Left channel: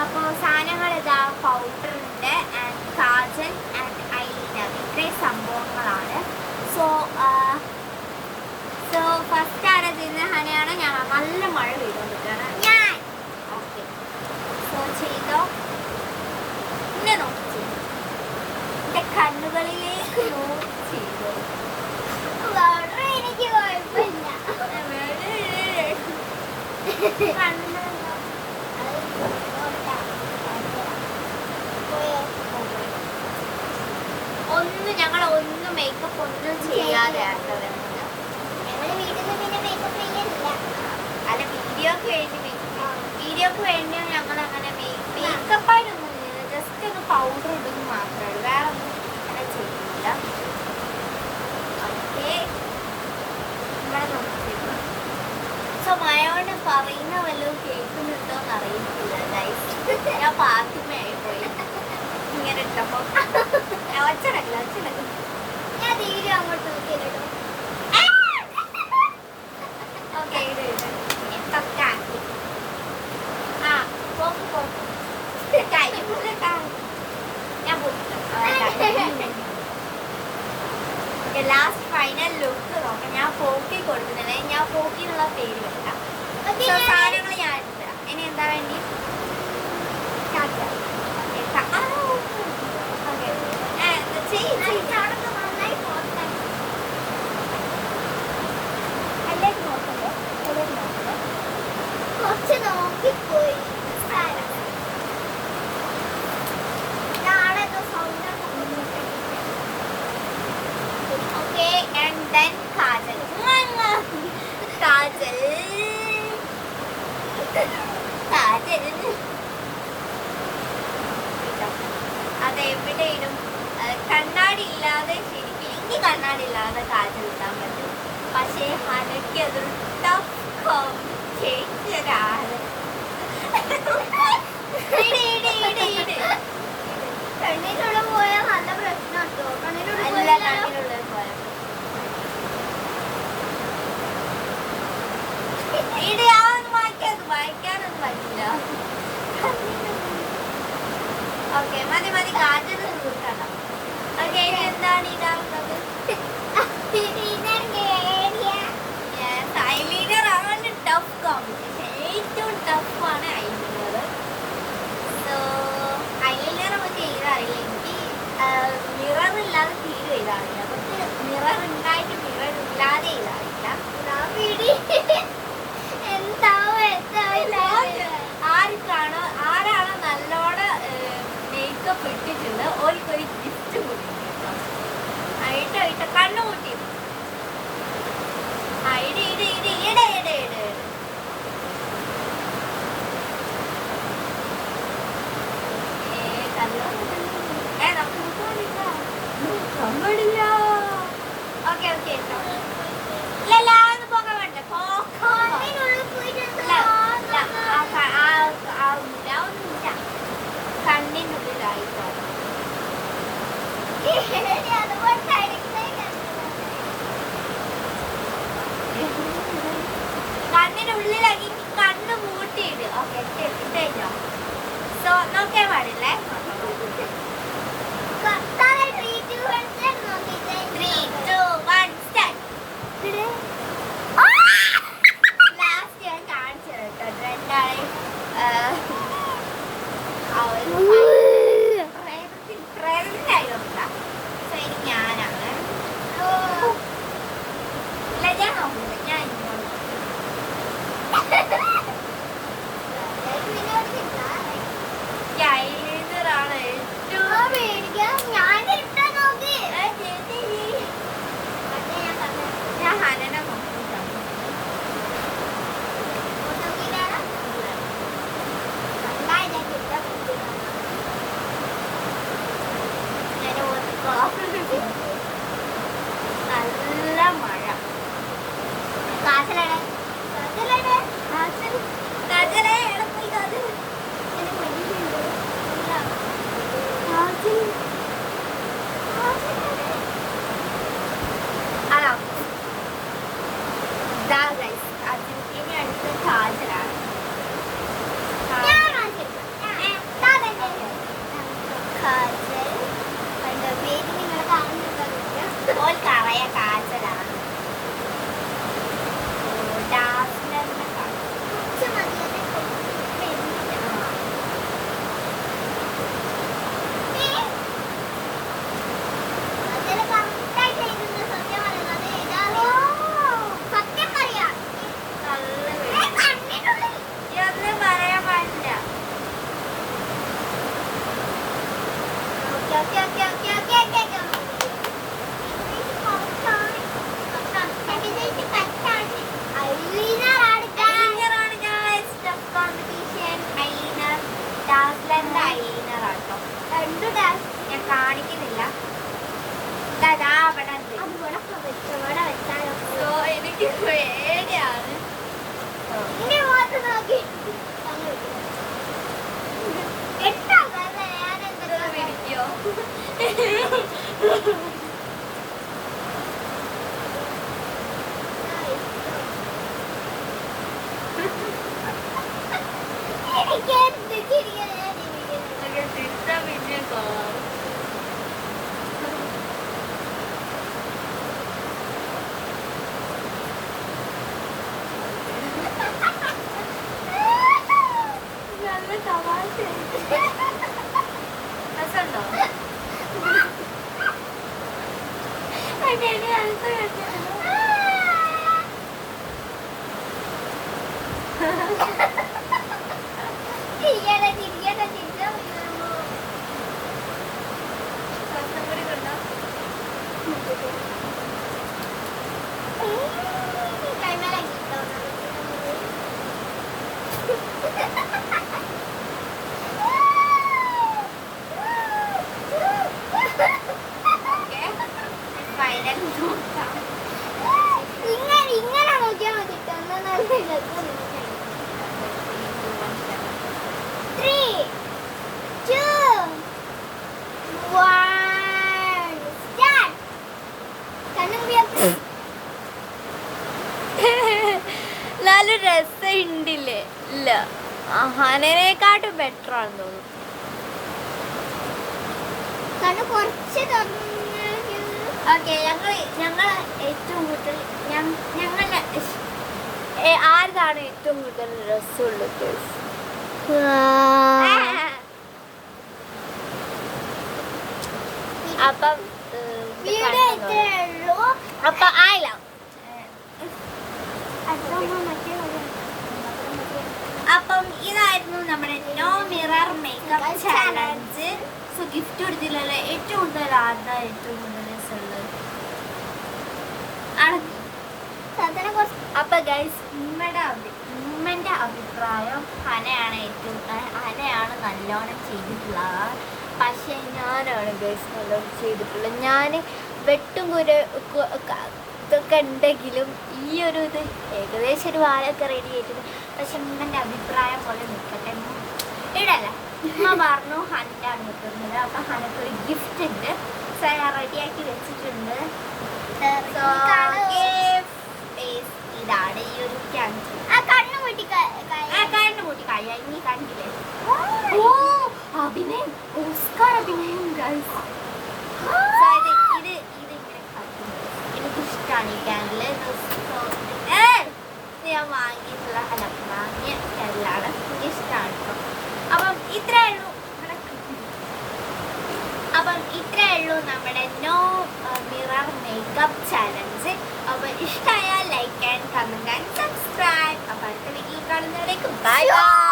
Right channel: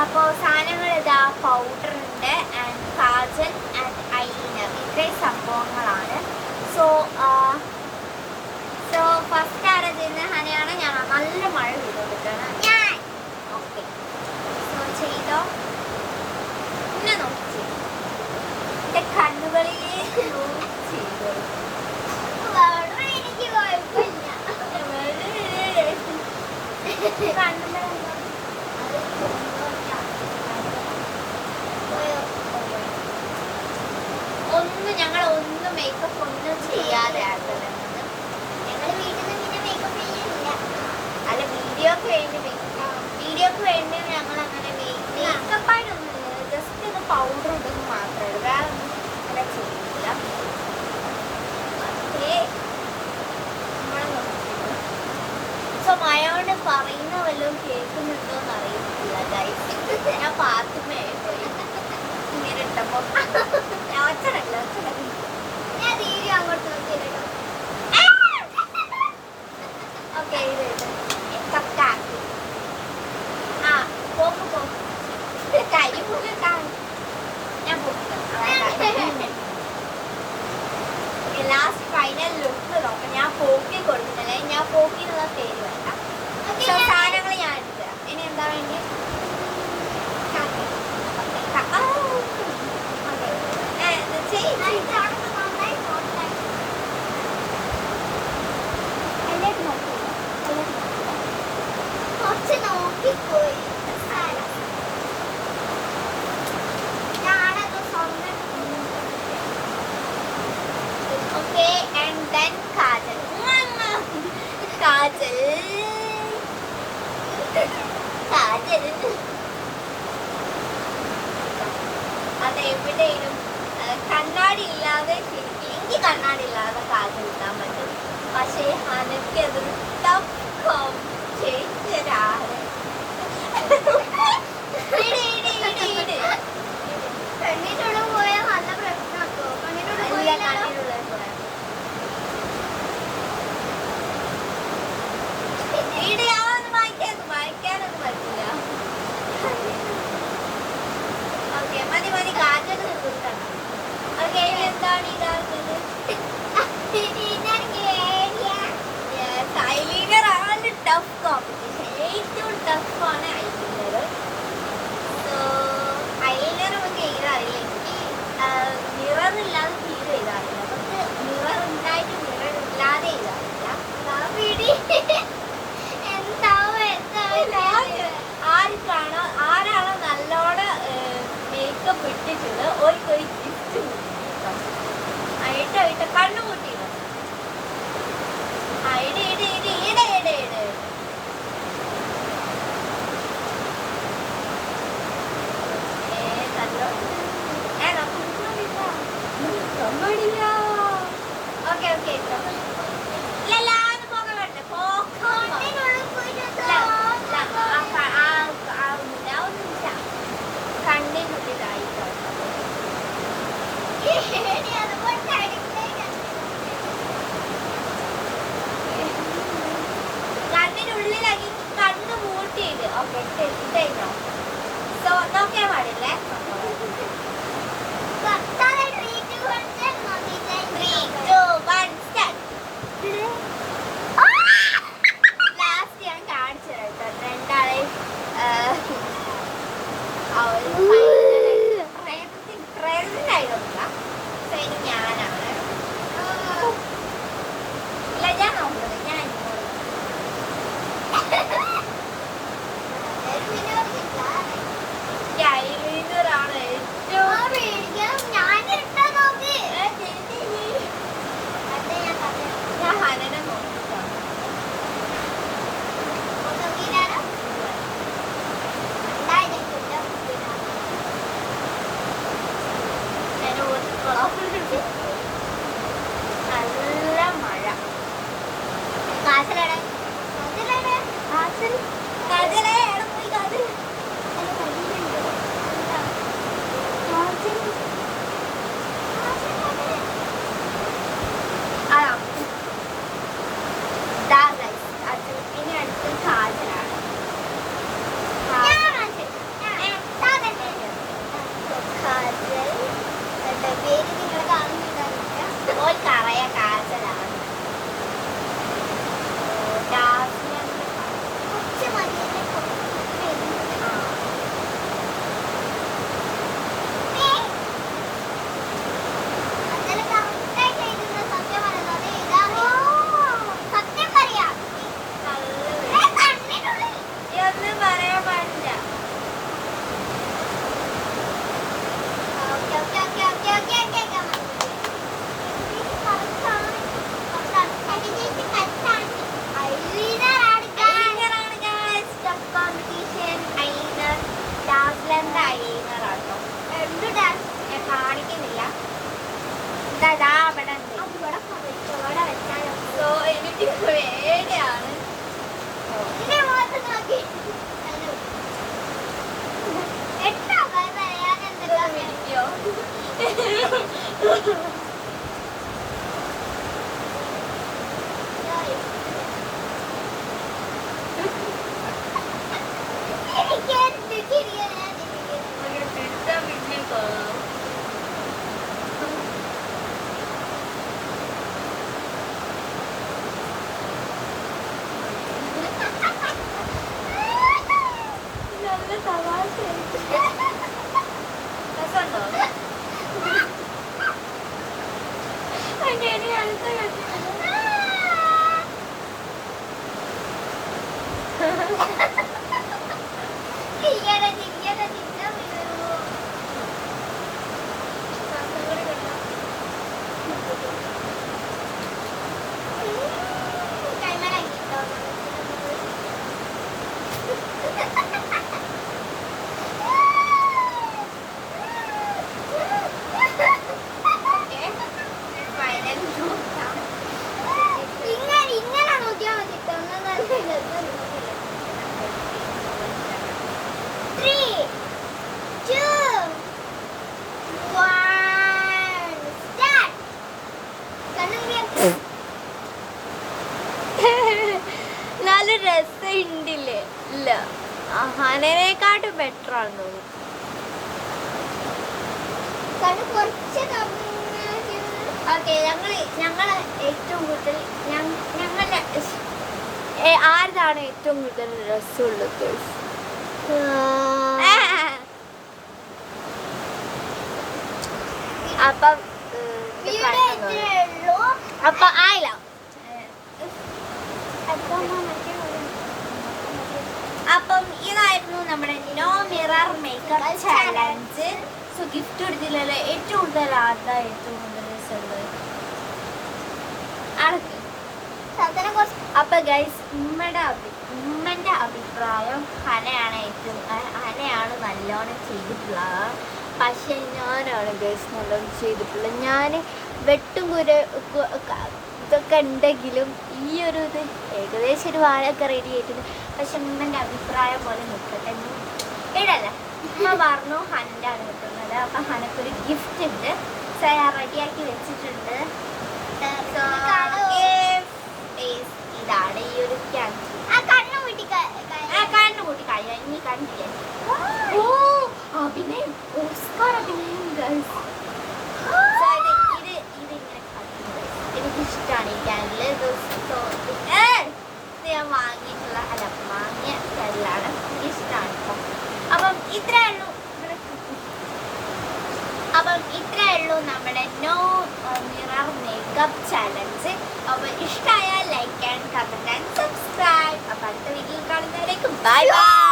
അപ്പോൾ സാധനങ്ങൾ ഇതാ പൗഡറുണ്ട് ആൻഡ് കാജൽ ആൻഡ് ഐലൈനർ ഇത്രയും സംഭവങ്ങളാണ്. സോ ഫസ്റ്റ് ആരാ ചെയ്യുന്ന ഹനയാണ് ഞാൻ. നല്ല മഴ പെയ്തുകൊണ്ടിരിക്കുകയാണ് ഞാൻ. ഓക്കെ സോ ചെയ്തോ. എന്നെ നോക്കി ചെയ്തു, എൻ്റെ കണ്ണുകളിലേക്ക് നോക്കി ചെയ്തോ. എനിക്ക് കുഴപ്പമില്ല. കണ്ണിൻ്റെ ഞങ്ങൾ ഒന്നും മേക്കപ്പ് ഒന്നും ചെയ്യാതെ അല്ല വീഡിയോക്ക് വേണ്ടി ഞങ്ങൾ അങ്ങനെ മേക്കപ്പായിട്ടൊന്നും ജസ്റ്റ് ഒന്ന് പൗഡർ ഇടുന്നു മാത്രമേ ഉള്ളൂ, വേറെ ഒന്നും അങ്ങനെ ചെയ്യില്ല. നമ്മളെ നോക്കിയിട്ട് സോ മയോണ്ട് പറയുന്ന വല്ലതും കേൾക്കുന്നുണ്ടോന്ന് അറിയത്തില്ല ഗൈസ്. ഞാൻ പാത്തുമേ പോയി ഇങ്ങനെ ഇട്ടപ്പോ ഒച്ചടല്ല ഞാൻ തീരെ അങ്ങോട്ട് നോക്കിയിടും. ഓക്കെ തക്കാക്കി ആ പോക്ക് പോക്ക് കൈ പോകാൻ ഞാൻ ലാസ്റ്റ് ഫൈനൽ ലുക്ക് നോക്കാം. ഞാൻ പോക്കി കൊടുക്കുന്നില്ല, ഞാൻ പോക്കി എന്നുള്ള പേര് വേണ്ട. സാധനങ്ങൾ ഞാൻ എടുത്തരാം. ഇനി എന്താ വേണ്ടി നോക്കിപ്പോയി. Okay and then kajal. Kajal kajal അതെവിടെയും കണ്ണാടി ഇല്ലാതെ ശരിക്കും എനിക്ക് കണ്ണാടി ഇല്ലാതെ കാജൽ ഇടാൻ പറ്റും. പക്ഷേ അനക്ക് അതൊരു ടഫ് കോമ്പറ്റീഷനാണ്. കണ്ണിനുള്ളിൽ പോയാൽ നല്ല പ്രശ്നമാട്ടോ. കണ്ണിനുള്ളിൽ പോയാൽ വായിക്കാനൊന്നും പറ്റില്ല. ഓക്കെ മതി മതി കാജൽ തീർക്കണം. ഓക്കെ ഇനി എന്താണ് ഇടാറുള്ളത്? ഐലൈനർ ആണ് ടഫ് കോമ്പറ്റീഷൻ. ഏറ്റവും ടഫാണ് ഐലൈനർ. സോ ഐലൈനർ നമുക്ക് എഴുതാറില്ല. എനിക്ക് മിറർ ഇല്ലാതെ തീരെ എഴുതാറില്ല. നമുക്ക് മിറർ ഉണ്ടായിട്ട് മിറർ ഇല്ലാതെ എഴുതാറില്ല. ആരാണോ നല്ലോണം മേക്കപ്പ് ഇട്ടിട്ടുണ്ട് ഒരു ഗിഫ്റ്റ് കൊടുക്കും. ആയിട്ട് കണ്ണു കൂട്ടിയത് പാടില്ല. ഓക്കെ ഓക്കെ ഇല്ലല്ല പോകാൻ വേണ്ടേ കണ്ണിനുള്ളിലായിട്ടാണ്. സോ എനിക്ക് പേടിയാണ്. നല്ല രസമുണ്ടില്ലേ? ഇല്ല, ഹനനെക്കാട്ടും ബെറ്റർ ആണെന്ന് തോന്നുന്നു. ഓക്കെ, ഞങ്ങള് ഏറ്റവും കൂടുതൽ ഞങ്ങളുടെ ആരതാണ് ഏറ്റവും കൂടുതൽ രസമുള്ളത്? അപ്പം അപ്പൊ ആയില്ല. അപ്പം ഇതായിരുന്നു നമ്മുടെ no mirror makeup challenge. So gift കൊടുത്തില്ലല്ലോ. ഏറ്റവും കൂടുതൽ ആർക്കാ ഏറ്റവും കൂടുതൽ രസമുള്ളത്? അപ്പൊ ഗൈസ്, ഉമ്മന്റെ അഭിപ്രായം ഹനയാണ് നല്ലോണം ചെയ്തിട്ടുള്ളത്. പക്ഷെ ഞാനാണ് ഗൈസ് നല്ലോണം ചെയ്തിട്ടുള്ളത്. ഞാൻ വെട്ടും ഇതൊക്കെ ഉണ്ടെങ്കിലും ഈ ഒരു ഇത് ഏകദേശം ഒരു വാരമൊക്കെ റെഡി ആയിട്ടുണ്ട്. പക്ഷെ ഉമ്മൻ്റെ അഭിപ്രായം പോലെ നിൽക്കട്ടെ. ഇടല്ല, ഉമ്മ പറഞ്ഞു ഹനൻ്റാണ് കിട്ടുന്നത്. അപ്പം ഹനക്കൊരു ഗിഫ്റ്റ് ഉണ്ട്, റെഡിയാക്കി വെച്ചിട്ടുണ്ട്. ഇതാണ് ഈ ഒരു ക്യാൻസർ. കണ്ണു കൂട്ടി കഴിയാ ഇനി കണ്ടില്ലേ? ഓ, അഭിനയം, ഓസ്കാർ അഭിനയം ഗൈസ്. ഇത് ഇങ്ങനെ എനിക്കിഷ്ടമാണ് ഈ ക്യാൻഡിൽ. ഞാൻ വാങ്ങിയിട്ടുള്ള വാങ്ങിയ ക്യാൻഡിലാണ്. ഇഷ്ടമാണ് കേട്ടോ. അപ്പം ഇത്രേ ഉള്ളൂ നമ്മുടെ നോ മിറർ മേക്കപ്പ് ചാലഞ്ച്. അപ്പോൾ ഇഷ്ടമായാൽ like and comment and subscribe. അപ്പോൾ അടുത്ത വീഡിയോയിൽ കാണുന്നവരേക്കും ബൈ ബൈ.